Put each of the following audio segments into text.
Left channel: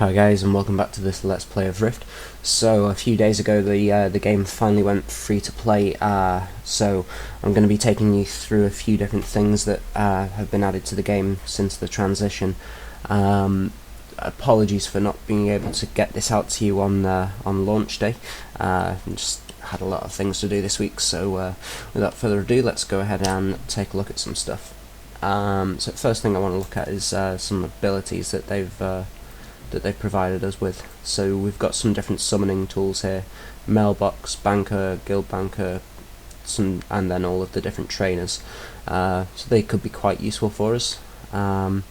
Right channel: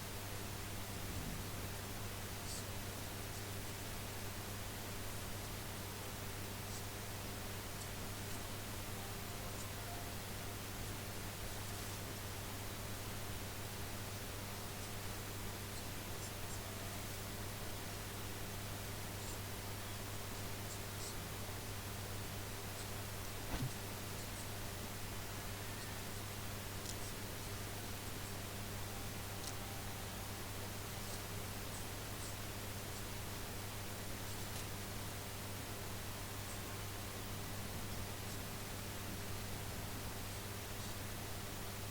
Hi guys, and welcome back to this Let's Play of Rift. So a few days ago the game finally went free to play, so I'm going to be taking you through a few different things that have been added to the game since the transition. Apologies for not being able to get this out to you on launch day. Just had a lot of things to do this week, so without further ado, let's go ahead and take a look at some stuff. So the first thing I want to look at is some abilities that they've provided us with. So we've got some different summoning tools here: mailbox, banker, guild banker, and then all of the different trainers. So they could be quite useful for us, and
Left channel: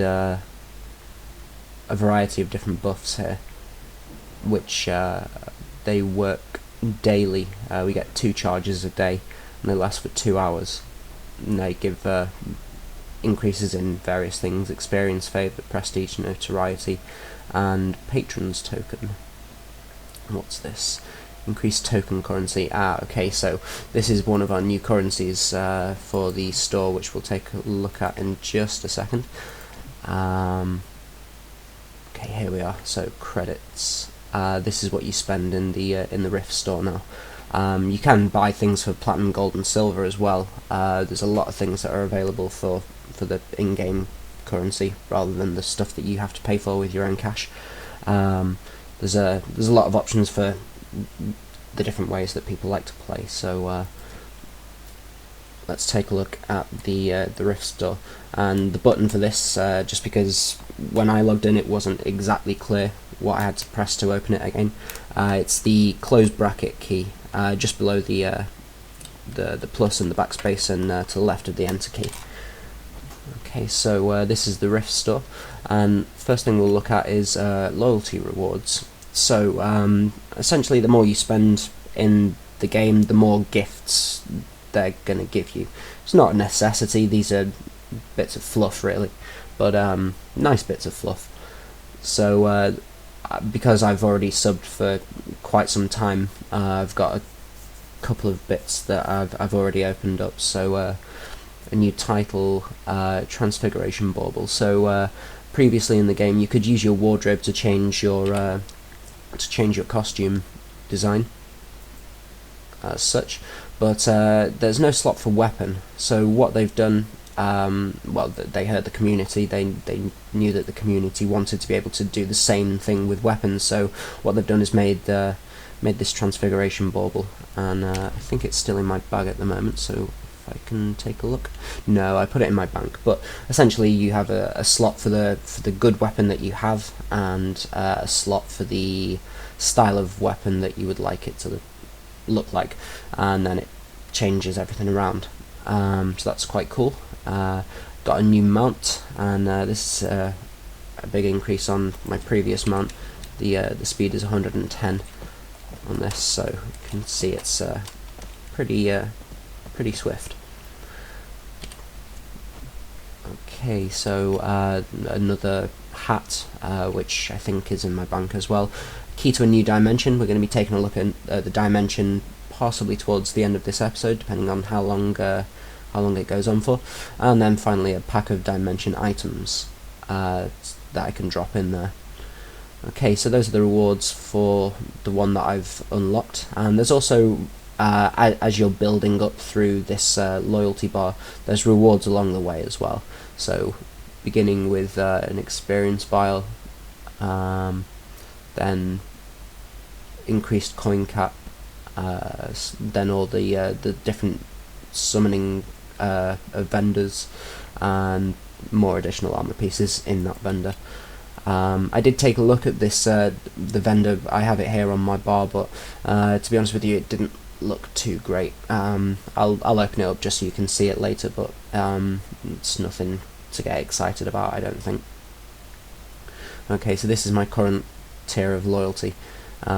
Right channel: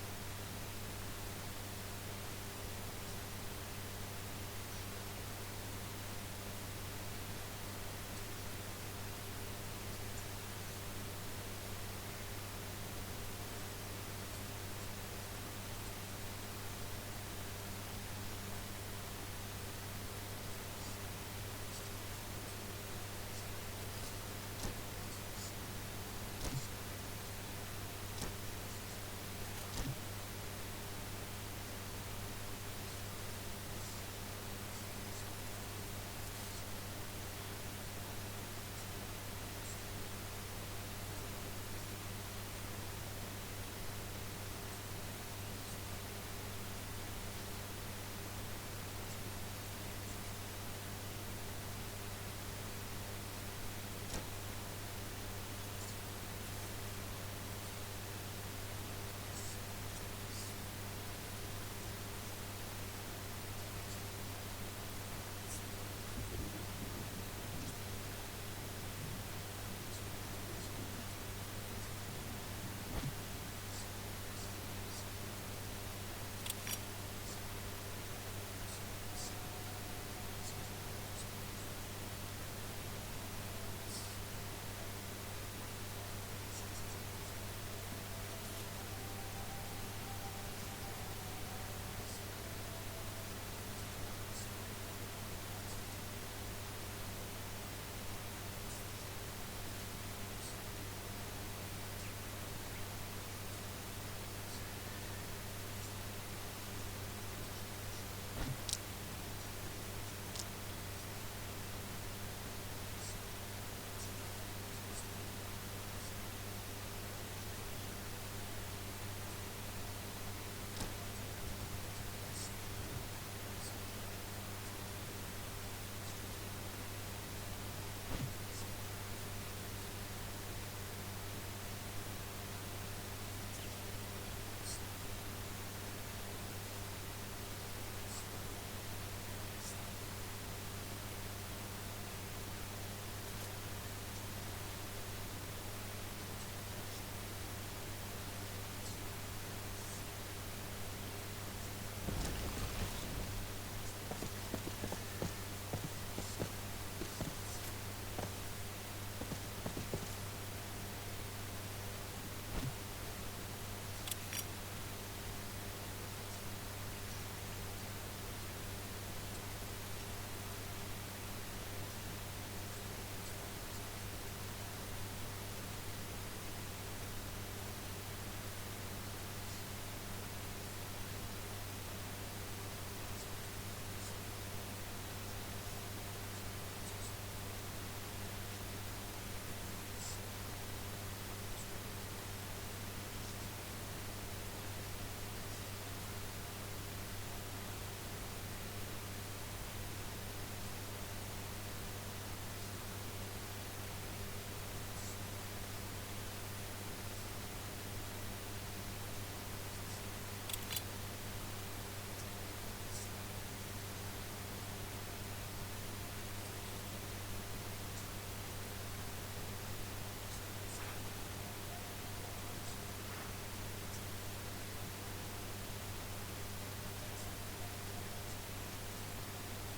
a variety of different buffs here, which they work daily. We get 2 charges a day, and they last for 2 hours. And they give increases in various things: experience, favour, prestige, notoriety, and patrons token. What's this? Increased token currency. Okay, so this is one of our new currencies for the store, which we'll take a look at in just a second. Okay, here we are. So credits. This is what you spend in the Rift store now. You can buy things for platinum, gold, and silver as well. There's a lot of things that are available for the in-game currency rather than the stuff that you have to pay for with your own cash. There's a lot of options for the different ways that people like to play. So let's take a look at the Rift store, and the button for this, just because when I logged in it wasn't exactly clear what I had to press to open it again. It's the close bracket key, just below the plus and the backspace, and to the left of the enter key. Okay, so this is the Rift store, and first thing we'll look at is loyalty rewards. So essentially, the more you spend in the game, the more gifts they're going to give you. It's not a necessity; these are bits of fluff, really, but nice bits of fluff. So because I've already subbed for quite some time, I've got a couple of bits that I've already opened up. So a new title, Transfiguration Bauble. So previously in the game, you could use your wardrobe to change your costume design as such, but there's no slot for weapon. So what they've done, well, they heard the community. They knew that the community wanted to be able to do the same thing with weapons. So what they've done is made this Transfiguration Bauble, and I think it's still in my bag at the moment. So I can take a look. No, I put it in my bank. But essentially, you have a slot for the good weapon that you have, and a slot for the style of weapon that you would like it to look like, and then it changes everything around. So that's quite cool. Got a new mount, and this is a big increase on my previous mount. The speed is 110 on this, so you can see it's pretty swift. Okay, so another hat, which I think is in my bank as well. Key to a new dimension. We're going to be taking a look at the dimension possibly towards the end of this episode, depending on how long it goes on for. And then finally a pack of dimension items that I can drop in there. Okay, so those are the rewards for the one that I've unlocked, and there's also as you're building up through this loyalty bar, there's rewards along the way as well. So beginning with an experience vial, then increased coin cap, then all the different summoning vendors, and more additional armor pieces in that vendor. I did take a look at this the vendor. I have it here on my bar, but to be honest with you, it didn't look too great. I'll open it up just so you can see it later, but it's nothing to get excited about, I don't think. Okay, so this is my current tier of loyalty. So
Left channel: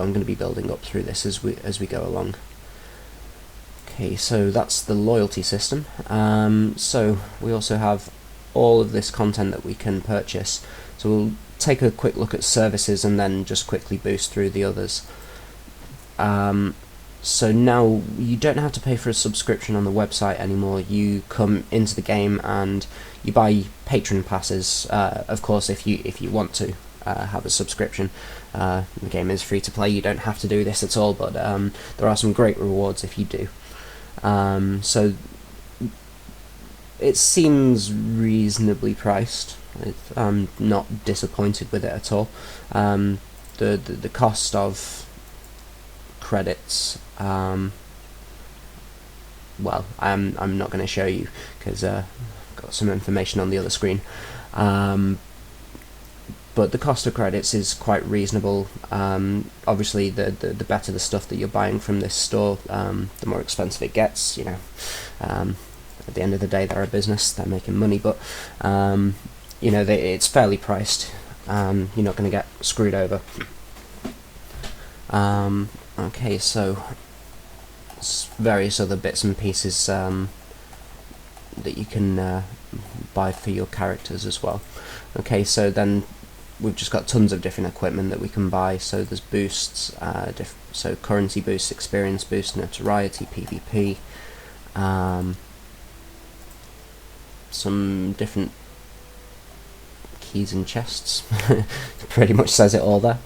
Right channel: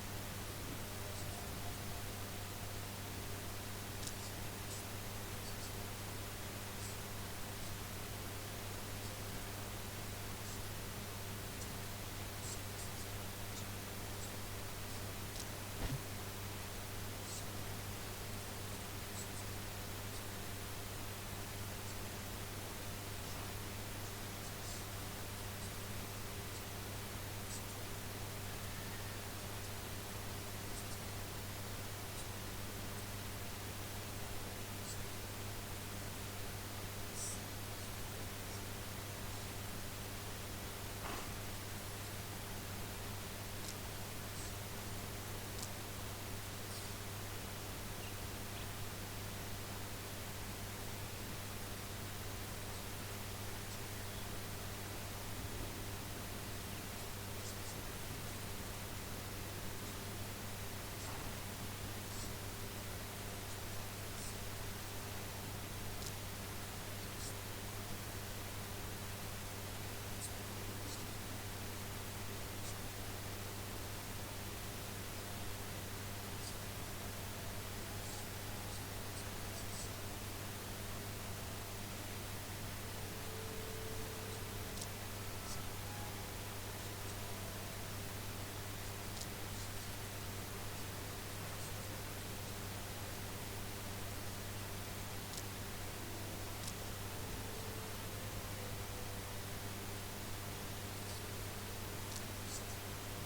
I'm going to be building up through this as we go along. Okay, so that's the loyalty system. So we also have all of this content that we can purchase. So we'll take a quick look at services and then just quickly boost through the others. So now you don't have to pay for a subscription on the website anymore. You come into the game and you buy patron passes, of course, if you want to have a subscription. The game is free to play, you don't have to do this at all, but there are some great rewards if you do. So it seems reasonably priced. I'm not disappointed with it at all. The cost of credits, well, I'm not going to show you because I've got some information on the other screen. But the cost of credits is quite reasonable. Obviously, the better the stuff that you're buying from this store, the more expensive it gets. You know, at the end of the day, they're a business; they're making money. But you know, it's fairly priced. You're not going to get screwed over. Okay, so various other bits and pieces that you can buy for your characters as well. Okay, so then we've just got tons of different equipment that we can buy. So there's boosts, so currency boosts, experience boost, notoriety, PvP, some different keys and chests. Pretty much says it all there.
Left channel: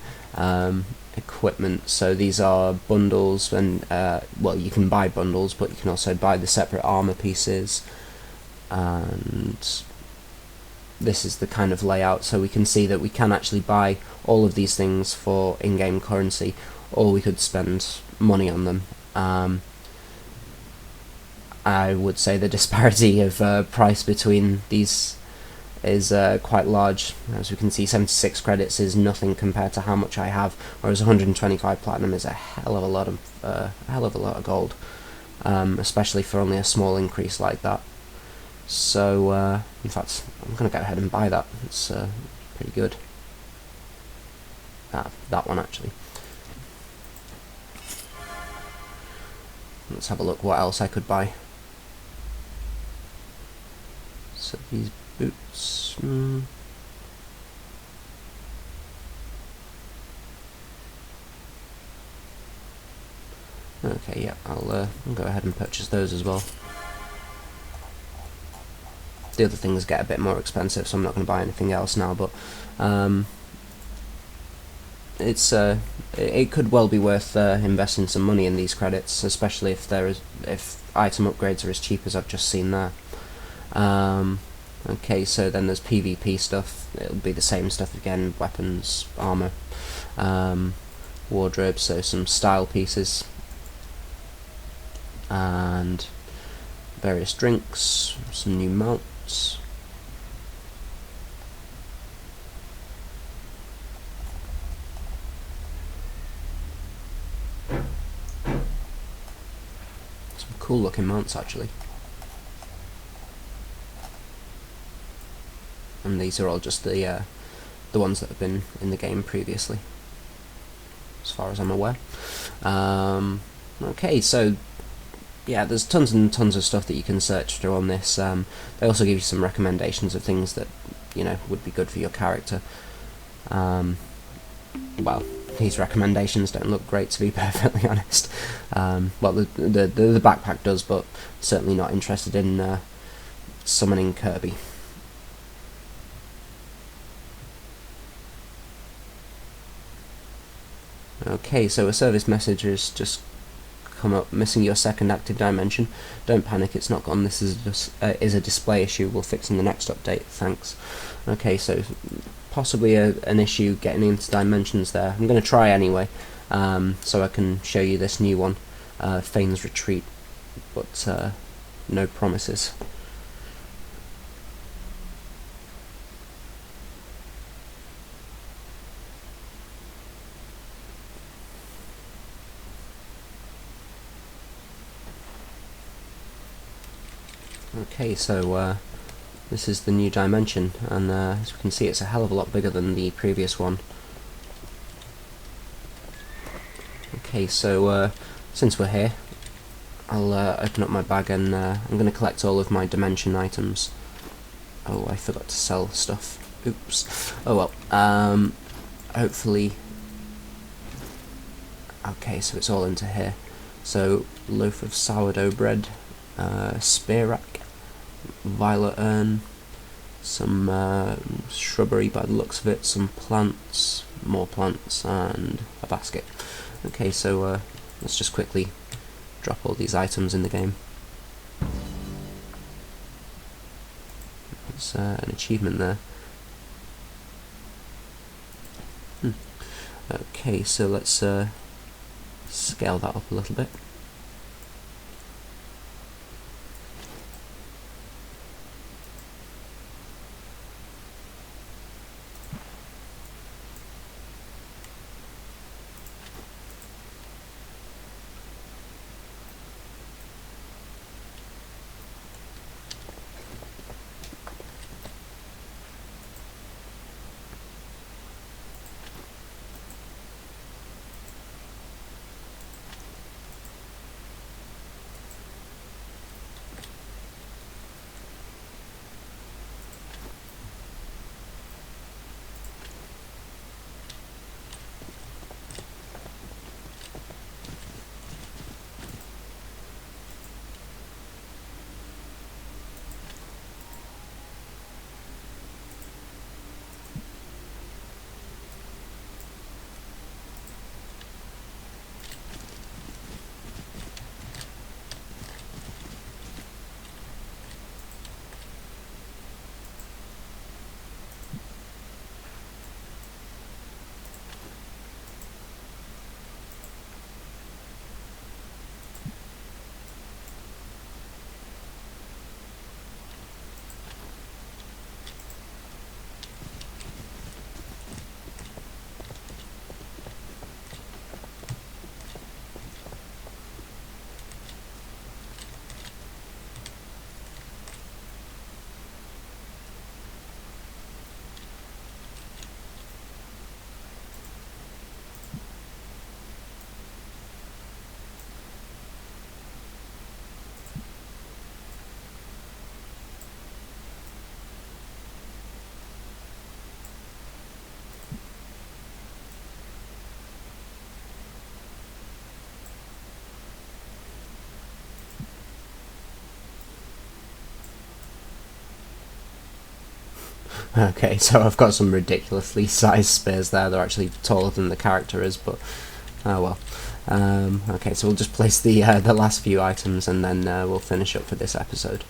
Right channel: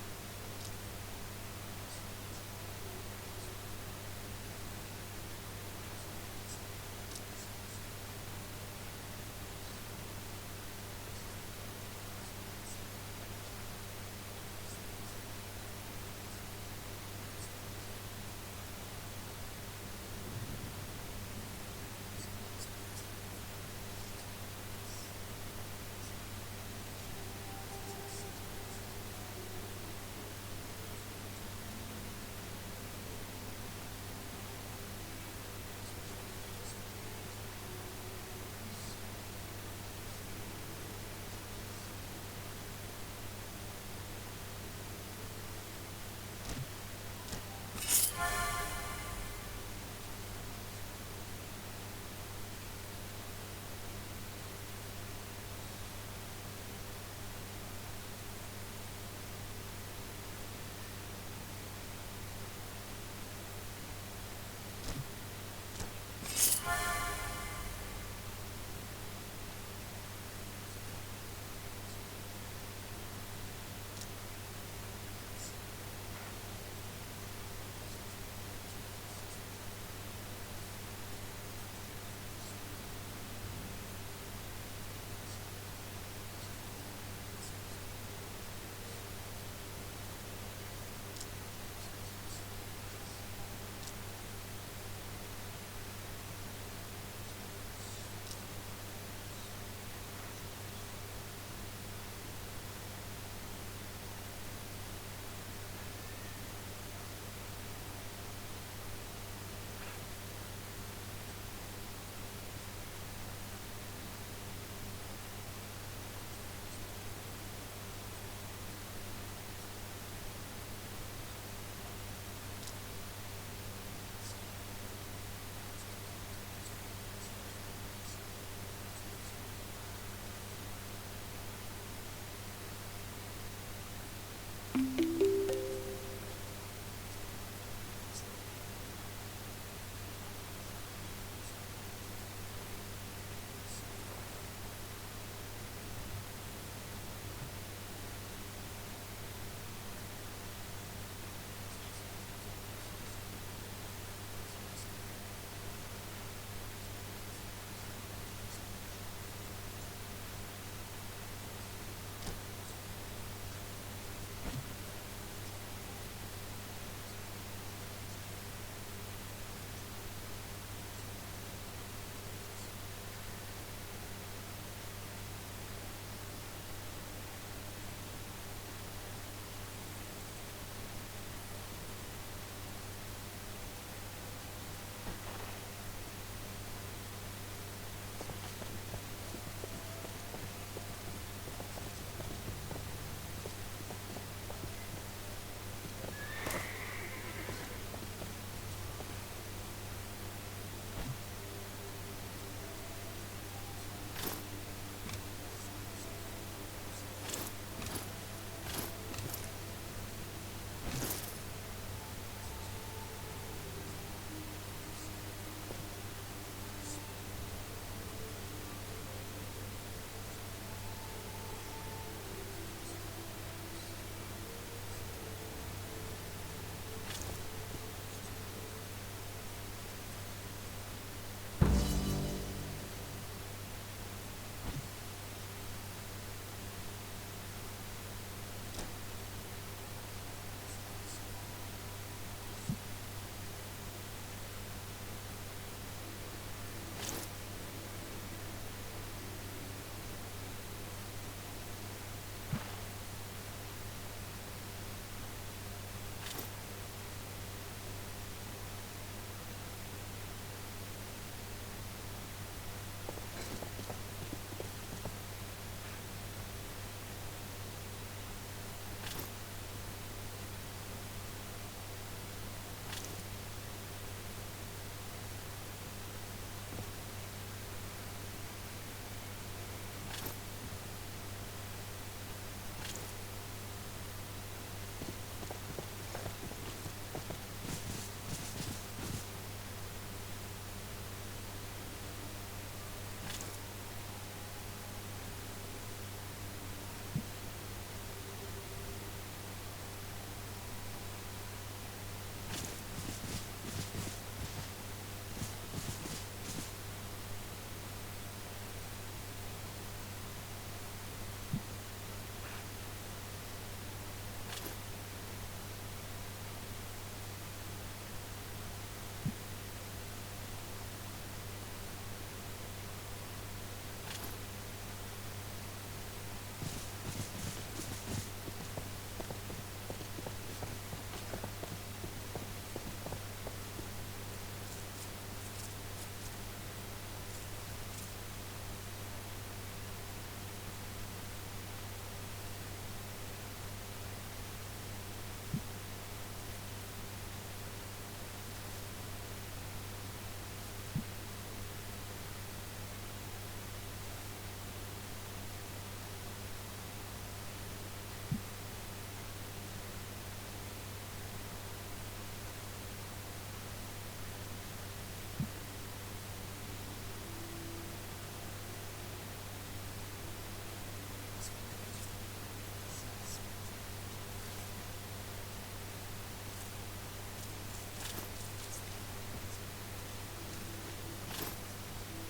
Equipment, so these are bundles, and well, you can buy bundles, but you can also buy the separate armor pieces, and this is the kind of layout. So we can see that we can actually buy all of these things for in-game currency, or we could spend money on them. I would say the disparity of price between these is quite large. As we can see, 76 credits is nothing compared to how much I have, whereas 125 platinum is a hell of a lot of gold, especially for only a small increase like that. So in fact, I'm going to go ahead and buy that. It's pretty good. That one actually. Let's have a look what else I could buy. So these boots. Okay, yeah, I'll go ahead and purchase those as well. The other things get a bit more expensive, so I'm not going to buy anything else now. But it could well be worth investing some money in these credits, especially if item upgrades are as cheap as I've just seen there. Okay, so then there's PvP stuff. It'll be the same stuff again: weapons, armor, wardrobe, so some style pieces, and various drinks, some new mounts. Some cool looking mounts actually. And these are all just the ones that have been in the game previously, as far as I'm aware. Okay, so yeah, there's tons and tons of stuff that you can search through on this. They also give you some recommendations of things that, you know, would be good for your character. Well, these recommendations don't look great, to be perfectly honest. Well, the backpack does, but certainly not interested in summoning Kirby. Okay, so a service message has just come up: missing your second active dimension. Don't panic, it's not gone. This is a display issue. We'll fix in the next update. Thanks. Okay, so possibly an issue getting into dimensions there. I'm going to try anyway, so I can show you this new one, Fane's Retreat, but no promises. Okay, so this is the new dimension, and as you can see, it's a hell of a lot bigger than the previous one. Okay, so since we're here, I'll open up my bag, and I'm going to collect all of my dimension items. Oh, I forgot to sell stuff. Oops. Oh well. Hopefully. Okay, so it's all into here. So, loaf of sourdough bread, spear rack, violet urn, some shrubbery by the looks of it, some plants, more plants, and a basket. Okay, so let's just quickly drop all these items in the game. There's an achievement there. Okay, so let's scale that up a little bit. Okay, so I've got some ridiculously sized spears there. They're actually taller than the character is, but oh well. Okay, so we'll just place the last few items and then we'll finish up for this episode.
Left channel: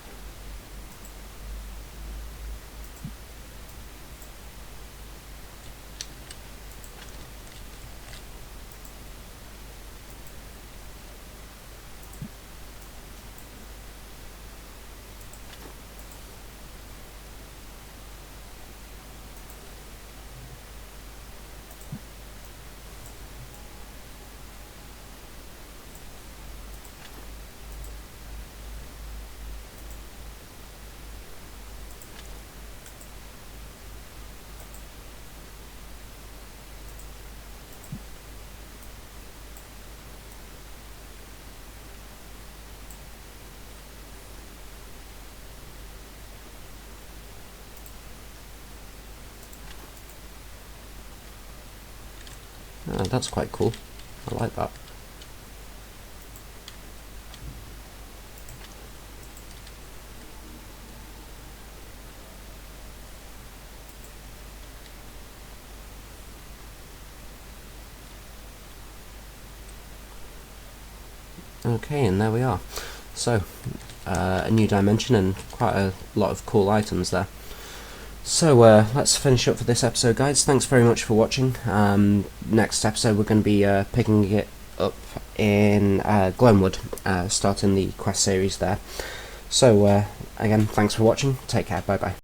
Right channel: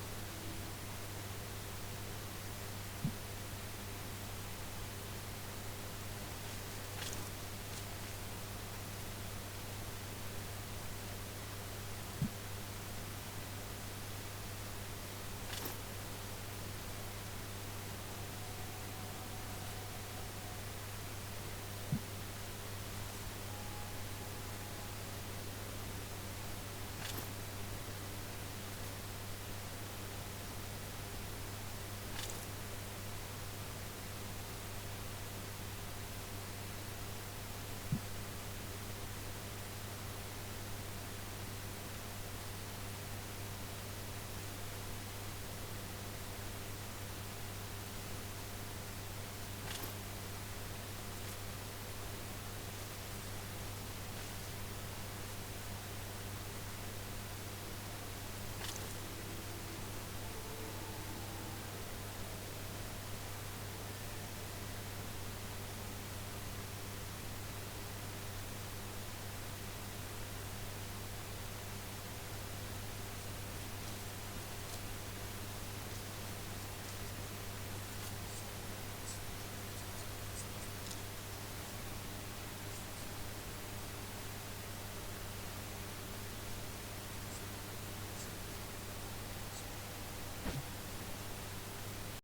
That's quite cool. I like that. Okay, and there we are. So, a new dimension and quite a lot of cool items there. So let's finish up for this episode, guys. Thanks very much for watching. Next episode we're going to be picking it up in Glenwood, starting the quest series there. So again, thanks for watching. Take care. Bye bye.